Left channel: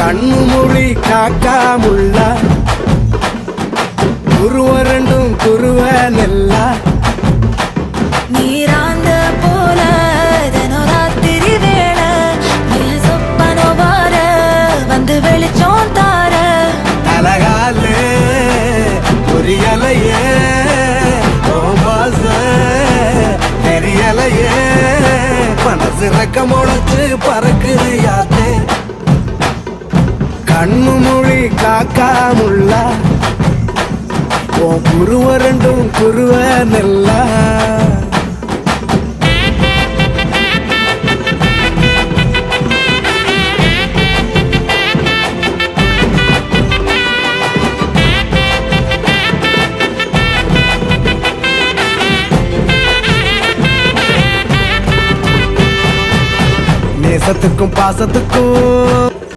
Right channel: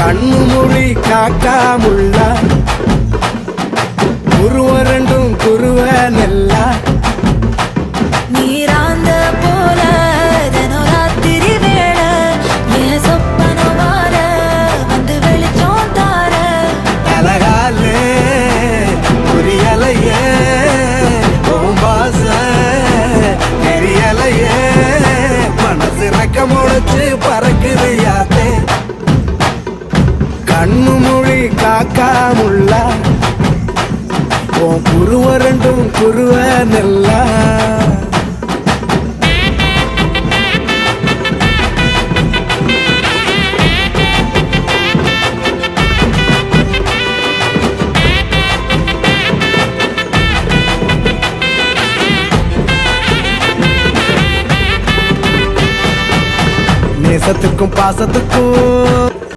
கண்ணு மொழி காக்காமுள்ளா குருவ ரெண்டும் குருவ நெல்லா நீராங்க போல தினராத்திரி வேளை என் சொப்பனம் மாற வந்து வெளிச்சம் தார தலகாலே புரியலையே பாச தெரியலையே மனசு ரக்க முளைச்சு பறக்குது யாத்தே கண்ணு மொழி காக்காமுள்ளா குருவ ரெண்டும் குருவ நெல்லா நேசத்துக்கும் பாசத்துக்கும்